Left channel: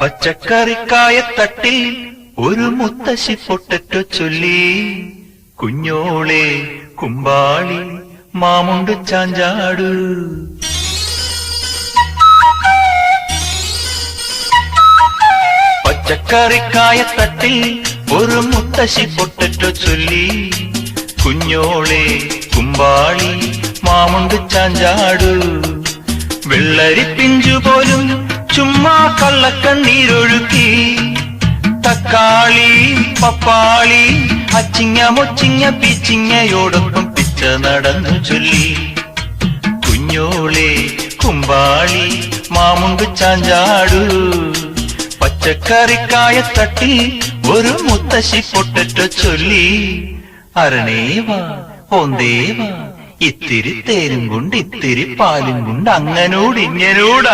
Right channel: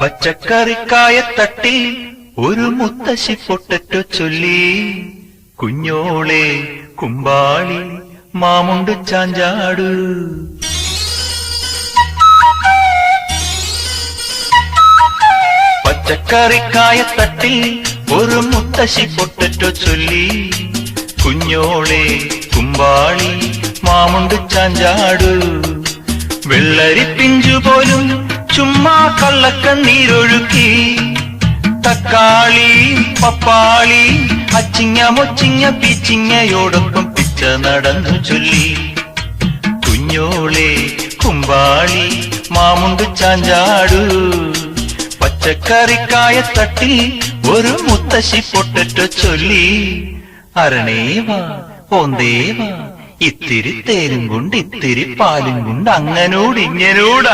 പച്ചക്കറിക്കായ തട്ടി ഒരു മുത്തശ്ശി പൊട്ടറ്റു ചൊല്ലി, കുഞ്ഞോളെ കുമ്പാളി മാമുണ്ടു ചാഞ്ചാടു. പച്ചക്കറിക്കായ തട്ടി ഒരു മുത്തശ്ശി പൊട്ടറ്റു ചൊല്ലി, കുഞ്ഞോളെ കുമ്പാളി മാമുണ്ടു ചാഞ്ചാടു. വെള്ളരി പിഞ്ചുപോലും ചുമ്മാ കള്ളക്കണ്ണീരൊഴുക്കി, തക്കാളി പപ്പാളി അച്ചിങ്ങ മൊച്ചിങ്ങ പീച്ചിങ്ങയോടൊപ്പം പിച്ച നടന്നു ചൊല്ലി, കുഞ്ഞോളെ കുമ്പാളി മാമുണ്ടു ചാഞ്ചാടു. പച്ചക്കറിക്കായ തട്ടി ഒരു മുത്തശ്ശി പൊട്ടറ്റു ചൊല്ലി, അരണേവാ ഓന്തേവാ ഇത്തിരി തേരും കൊണ്ട് ഇത്തിരി പാലും കൊണ്ട് അങ്ങനോട് ഇങ്ങനോട്